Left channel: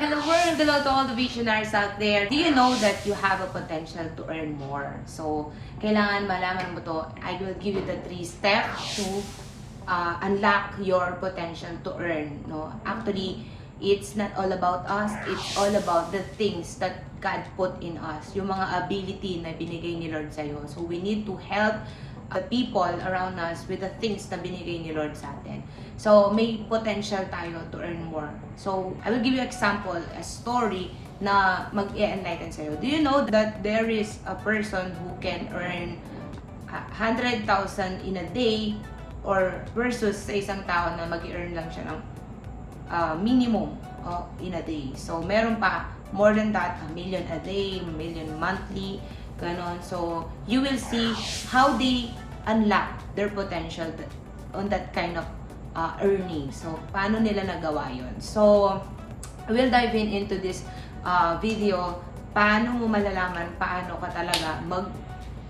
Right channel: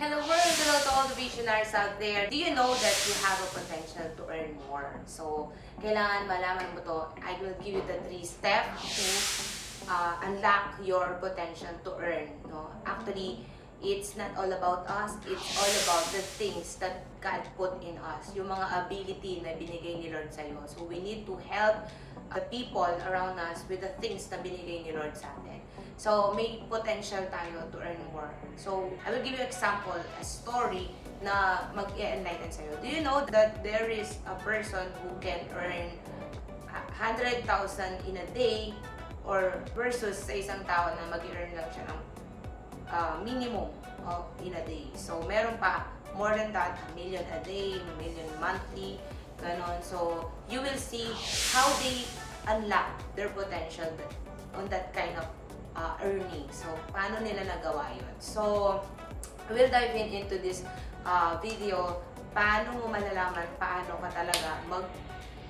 Hello world! Hello to all the visionaries out there. Do you know that you have a potential to earn more? So, kailangan malaman mo to. I will give you the 3 steps to unlock your potential to earn. No, actually, it's not all about us. It's all about the things that God put in us. Yung mga ability na binigay ni Lord sa'yo. So, we need to help the people around us with the things na binigay ni Lord sa atin. So, may potential tayo to earn more. So, I will give you example, a story na mag-enlighten sa'yo. Do you know that there is a person who can earn 100,000 in a day or versus sa isang tao na mag-earn lang siya ng minimum in a day. So, meron pa more than that, 1 million a day, 1 million monthly, ganon. So, you will see how they unlock their potential on that kind of earning. So, paano nila nagawa yun? So, we'll dive into this video. Paano mo malalaman paano ka talaga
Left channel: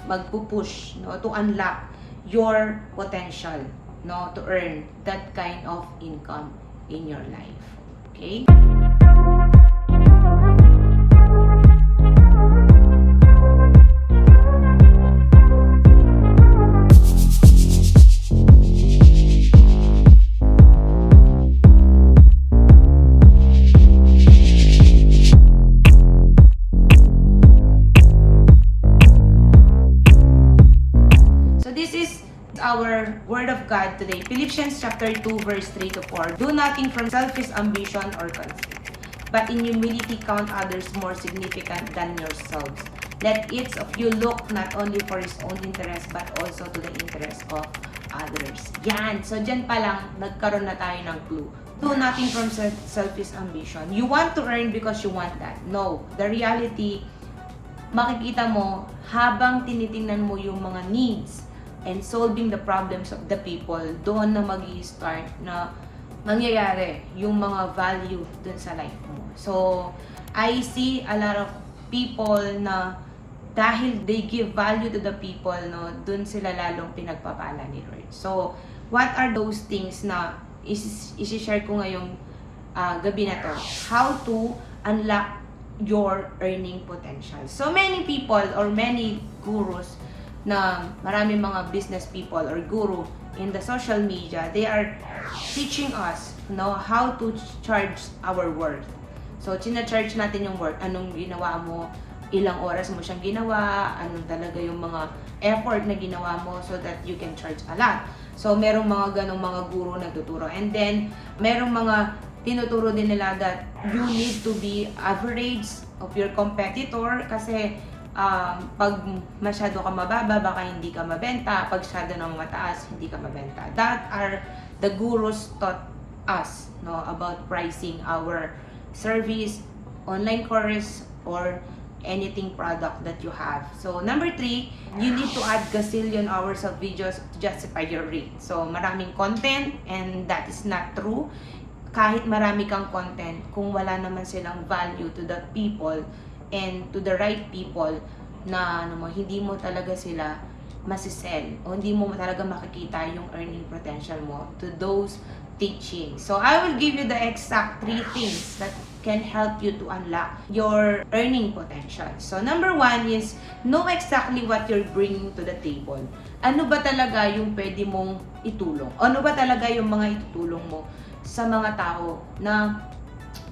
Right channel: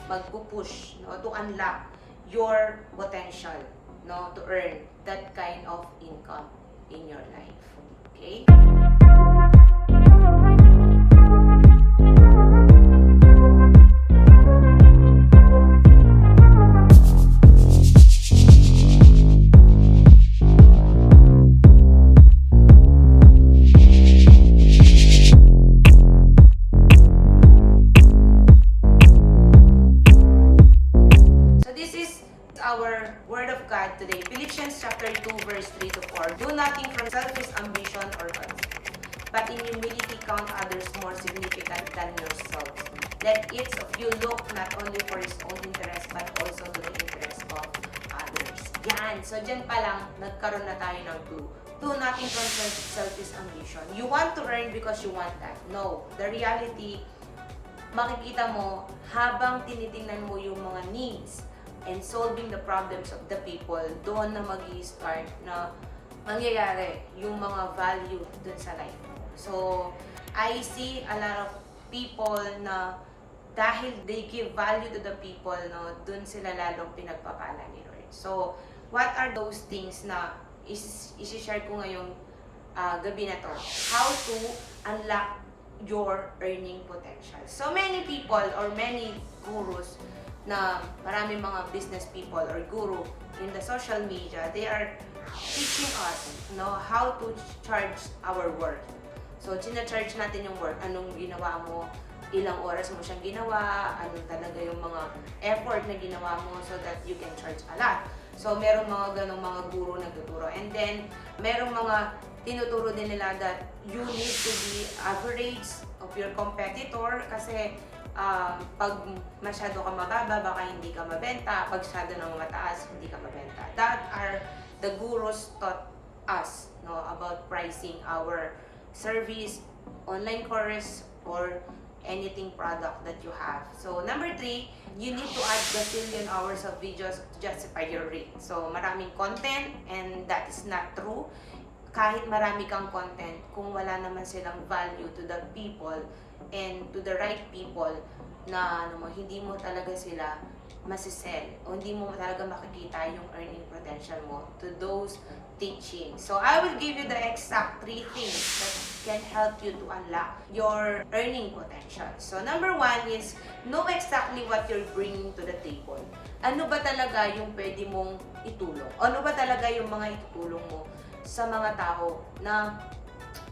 magpupush, no, to unlock your potential, no, to earn that kind of income in your life. Okay? Our word of God today, Philippians chapter 2 verse 3 to 4. Do nothing from selfish ambition or conceit, but in humility count others more significant than yourselves. Let each of you look not only for his own interest but also to the interest of others. Yan. So dyan pa lang nagkaroon na tayo ng clue. Do nothing from selfish ambition. You want to earn because you want that. No. The reality, makikita mo habang tinitingnan mo yung mga needs and solving the problems of the people, doon na mag-i-start na mangyayari yung mga value dun sa life mo. So, I see a lot of people na dahil they give value to the people, no, dun sila lalong pinagpapala ni Lord. So, what are those things na isi-share ko ngayong gabi na to? How to unlock your earning potential. So, many people or many gurus na maraming mga business people or guru in the social media, they are teaching us, no, how to charge our worth. So, charge natin yung worth. Anong ginawa mo, ilang oras mo siyang ginawa, anong talaga yung mga effort na ginawa mo so that you can charge a lot. So, merong mga ganong mga guru nagtuturo. And then, merong mga tinuturo din nila that you need to be average of your competitor kasi pag masyado ka mababa, baka hindi ka mabenta. Pag masyado nang mataas, hindi ka mabenta. That are the gurus taught us, no, about pricing our service, online course, or anything product that you have. So, number 3, you need to add gazillion hours of videos to justify your rate. So, maraming content and that is not true. Kahit marami kang content, kung wala naman silang value to the people and to the right people na hindi mo talaga sila masisell o hindi mo talaga makikita yung earning potential mo to those teachings. So, I will give you the exact 3 things that can help you to unlock your earning potential. So, number 1 is know exactly what you're bringing to the table. Ano ba talaga yung pwede mong itulong? Ano ba talaga yung mga itutulong mo sa mga tao na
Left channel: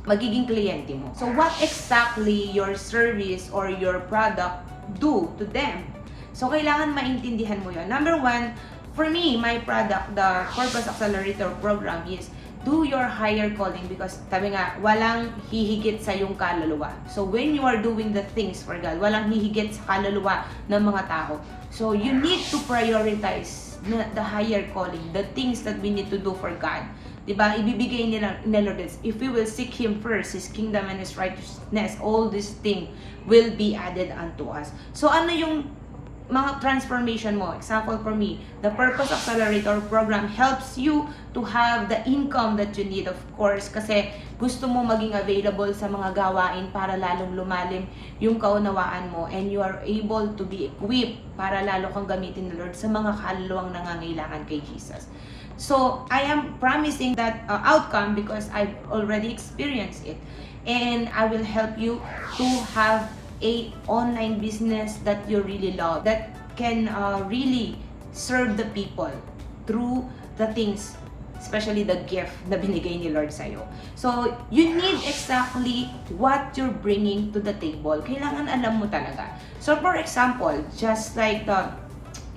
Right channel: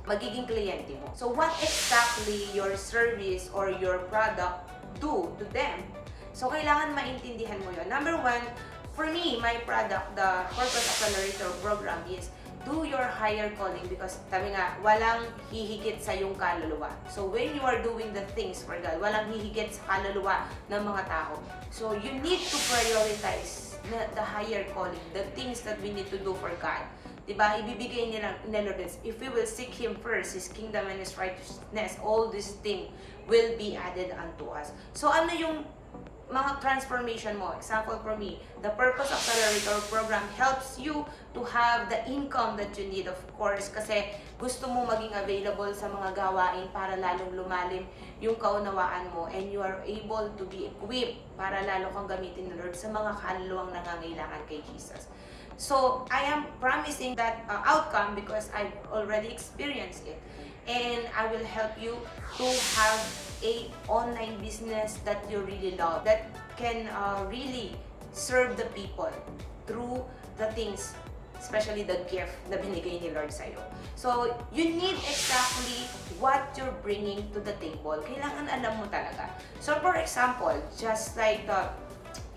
magiging kliyente mo? So, what exactly your service or your product do to them? So, kailangan maintindihan mo yun. Number 1, for me, my product, the Purpose Accelerator program is do your higher calling because sabi nga, walang hihigit sa yung kaluluwa. So, when you are doing the things for God, walang hihigit sa kaluluwa ng mga tao. So, you need to prioritize the higher calling, the things that we need to do for God. Diba? Ibibigay nila Lord, if we will seek Him first, His kingdom and His righteousness, all these things will be added unto us. So, ano yung mga transformation mo? Example for me, the Purpose Accelerator program helps you to have the income that you need, of course, kasi gusto mo maging available sa mga gawain para lalong lumalim yung kaunawaan mo and you are able to be equipped para lalo kang gamitin ng Lord sa mga kaluluwang nangangailangan kay Jesus. So I am promising that outcome because I've already experienced it. And I will help you to have a online business that you really love, that can really serve the people through the things, especially the gift na binigay ni Lord sa'yo. So, you need exactly what you're bringing to the table. Kailangan alam mo talaga. So, for example, just like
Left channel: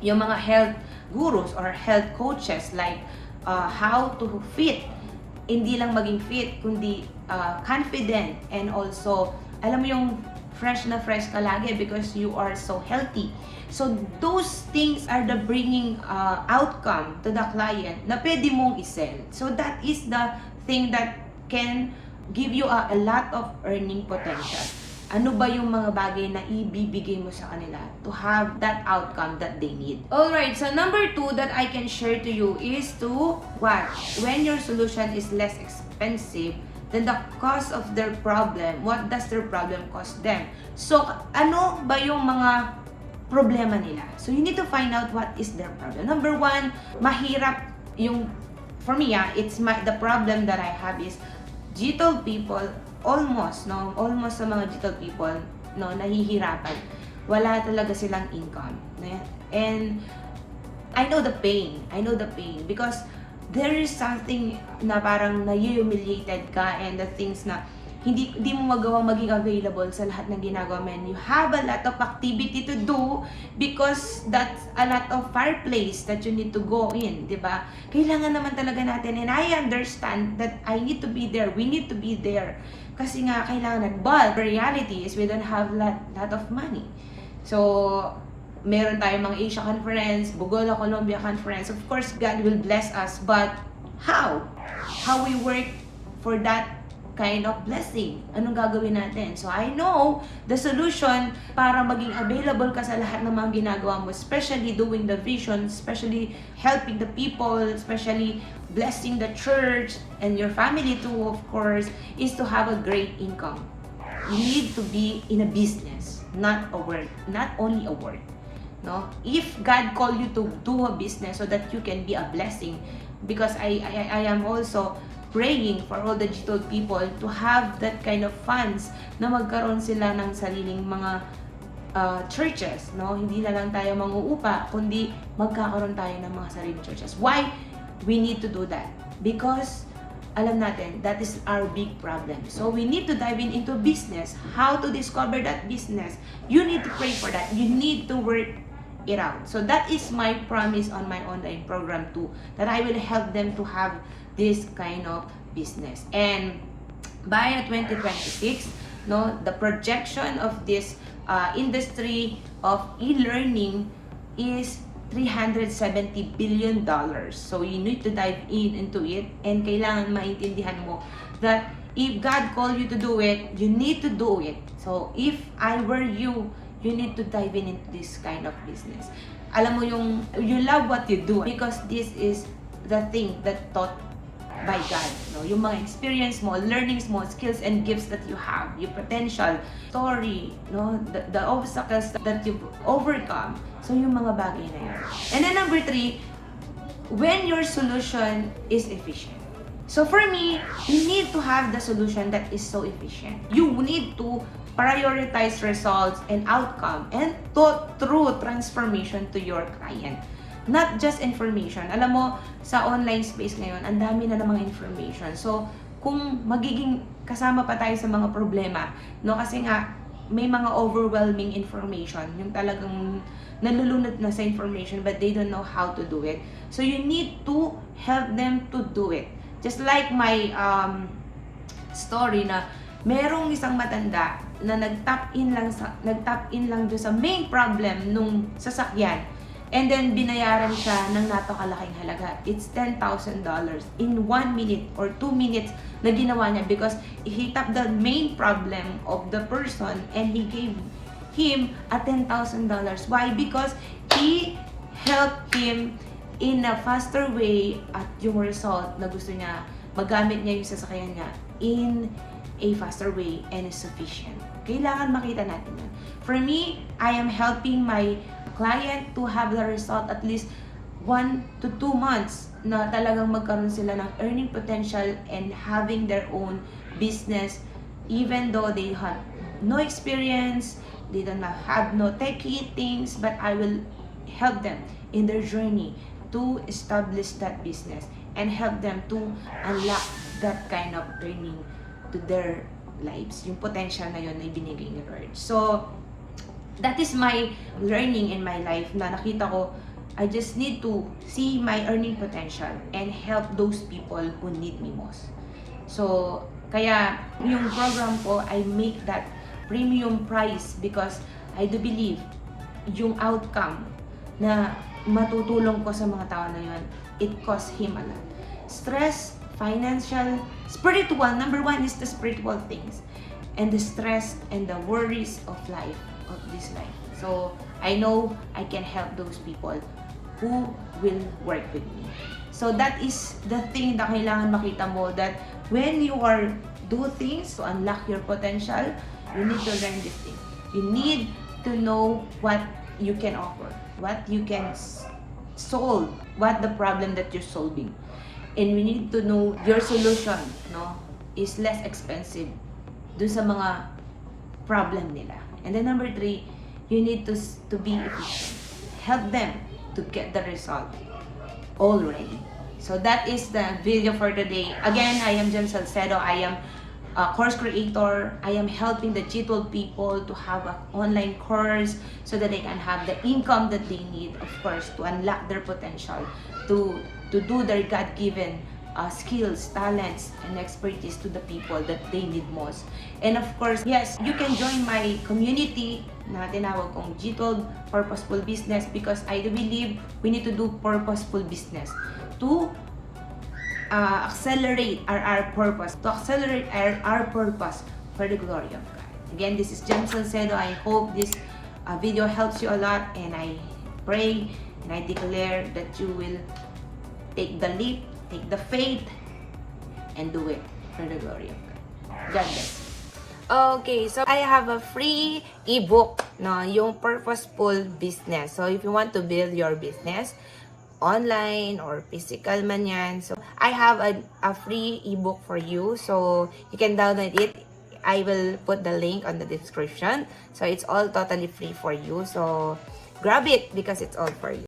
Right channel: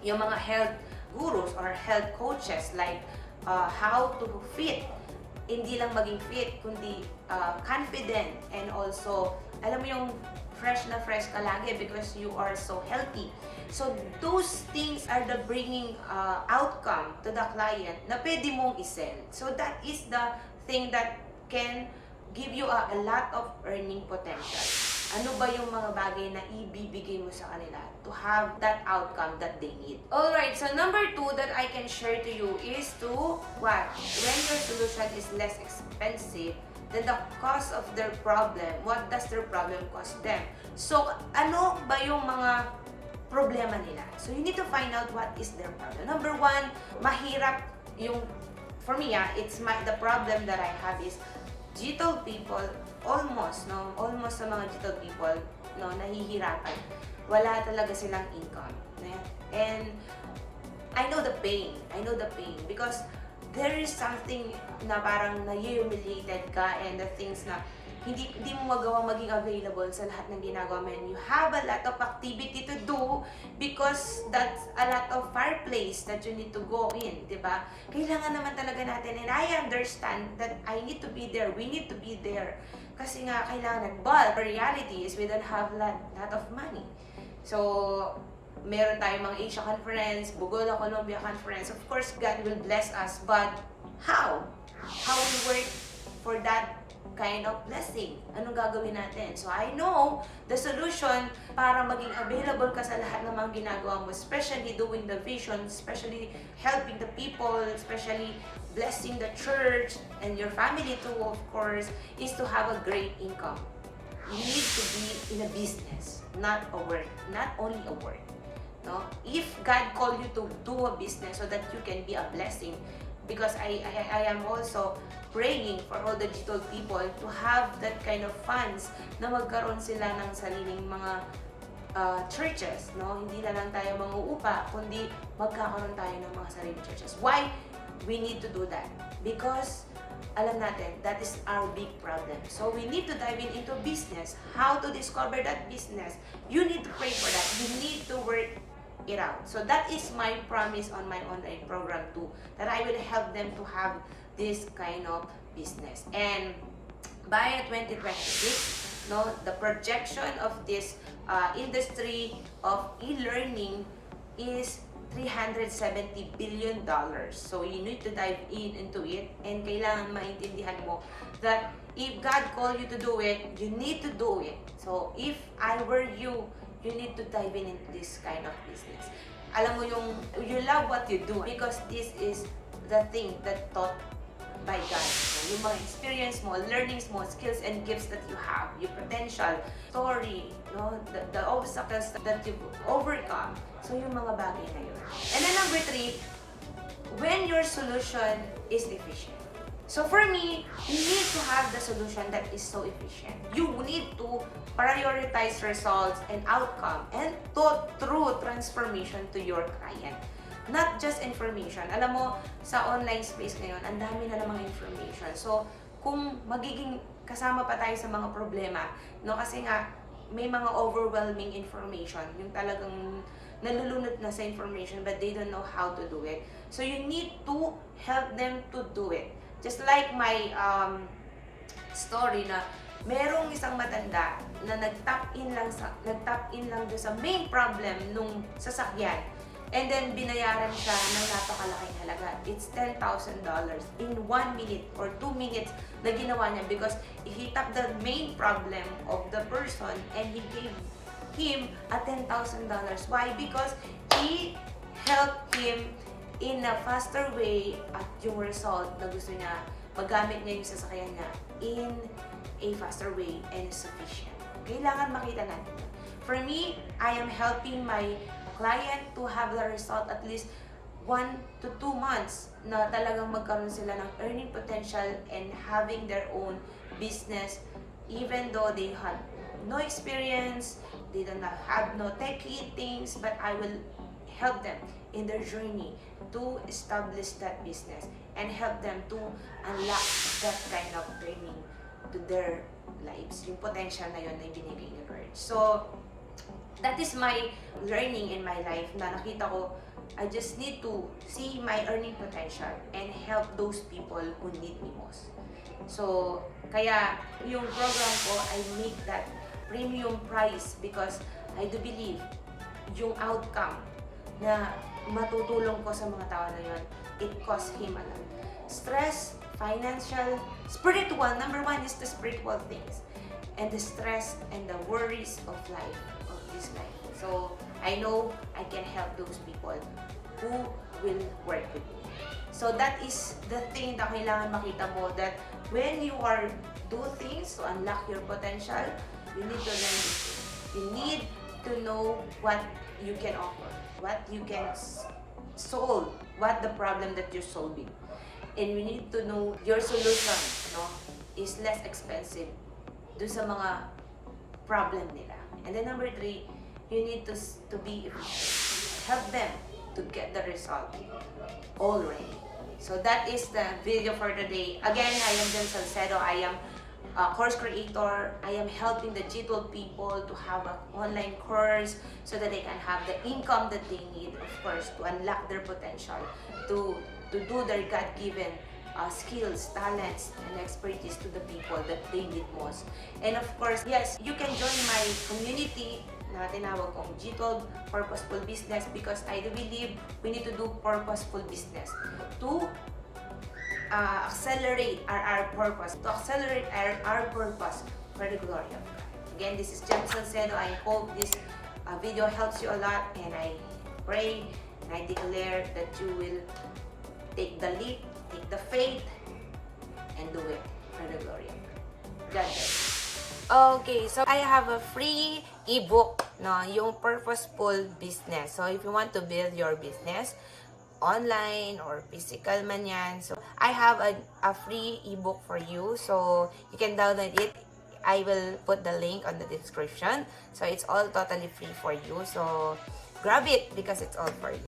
yung mga health gurus or health coaches, like how to fit, hindi lang maging fit, kundi confident, and also, alam mo yung fresh na fresh ka lagi because you are so healthy. So, those things are the bringing outcome to the client na pwede mong isell. So, that is the thing that can give you a lot of earning potential. Ano ba yung mga bagay na ibibigay mo sa kanila to have that outcome that they need? Alright, so number 2 that I can share to you is to what? When your solution is less expensive, then the cost of their problem, what does their problem cost them? So, ano ba yung mga problema nila? So, you need to find out what is their problem. Number 1, mahirap yung, for me, the problem that I have is G12 people, almost sa mga G12 people, nahihirapan. Wala talaga silang income. And I know the pain because there is something na parang na-humiliated ka, and the things na hindi mo magawa maging available sa lahat ng ginagawa mo. You have a lot of activity to do because that's a lot of fireplace that you need to go in, di ba? Kailangan naman talaga natin, and I understand that I need to be there, we need to be there. Kasi nga, kailangan but the reality is we don't have lot of money. So, meron tayong mga Asia Conference, Bogola, Colombia Conference. Of course, God will bless us, but how? How we work for that kind of blessing? Anong gagawin natin? So, I know the solution para maging available ka sa lahat ng mga ginagawa mo, especially doing the vision, especially helping the people, especially blessing the church and your family too, of course, is to have a great income. You need to be in a business, not a work, not only a work. No? If God called you to do a business so that you can be a blessing, because I am also praying for all the G12 people to have that kind of funds na magkaroon sila ng sariling mga churches, no? Hindi na lang tayo manguupa, kundi magkakaroon tayo ng mga sariling churches. Why we need to do that? Because alam natin, that is our big problem. So we need to dive into business. How to discover that business? You need to pray for that. You need to work it out. So that is my promise on my online program too, that I will help them to have this kind of business. And by 2026, the projection of this industry of e-learning is $370 billion. So you need to dive into it, and kailangan maintindihan mo that if God called you to do it, you need to do it. So if I were you, you need to dive into this kind of business. Alam mo you love what you do because this is the thing that taught by God. Yung mga experience mo, learnings mo, skills and gifts that you have, your potential, story, the obstacles that you've overcome. So yung mga bagay na yan. And then number 3, when your solution is efficient. So for me, you need to have the solution that is so efficient. You need to prioritize results and outcome and true transformation to your client. Not just information. Alam mo, sa online space ngayon, ang dami na ng mga information. So, kung magiging kasama pa tayo sa mga problema, kasi nga, may mga overwhelming information, yung talagang nalulunod na sa information but they don't know how to do it. So, you need to help them to do it. Just like my story na merong isang matanda na nag-tap in lang doon sa main problem nung sasakyan. And then, binayaran siya ng napakalaking halaga. It's $10,000 in 1 minute or 2 minutes na ginawa niya because he tapped the main problem of the person and he gave him a $10,000. Why? Because he helped him in a faster way at yung result na gusto niya, magamit niya yung sasakyan niya in a faster way and sufficient. Kailangan makita natin yan. For me, I am helping my client to have the result at least 1 to 2 months na talagang magkaroon sila ng earning potential and having their own business even though they have no experience, they don't have no techie things, but I will help them in their journey to establish that business and help them to unlock that kind of earning to their lives. Yung potential na yun na ibinigay ni Lord. So, that is my learning in my life na nakita ko, I just need to see my earning potential and help those people who need me most. So, kaya yung program ko, I make that premium price because I do believe yung outcome na matutulong ko sa mga tao na yun, it costs him a lot. Stress, financial, spiritual. Number one is the spiritual things. And the stress and the worries of life, of this life. So, I know I can help those people who will work with me. So, that is the thing na kailangan makita mo, that when you are do things to unlock your potential, you need to learn this thing. You need to know what you can offer, what you can solve, what the problem that you're solving. And we need to know your solution, no, is less expensive dun sa mga problem nila. And then number 3, you need to be efficient. Help them to get the result already. So that is the video for today. Again, I am Jhem Salcedo. I am a course creator. I am helping the G12 people to have an online course so that they can have the income that they need, of course, to unlock their potential, to do their God-given skills, talents, and expertise to the people that they need most. And of course, yes, you can join my community na tinawag kong G12 Purposeful Business because I do believe we need to do purposeful business to accelerate our purpose, to accelerate our purpose for the glory of God. Again, this is Jhem Salcedo. I hope this video helps you a lot, and I pray and I declare that you will take the leap, take the faith, and do it for the glory of God. God bless. Okay, so I have a free ebook, no, yung Purposeful Business. So if you want to build your business, online or physical man yan, so I have a free ebook for you. So you can download it. I will put the link on the description. So it's all totally free for you. So grab it because it's all for you.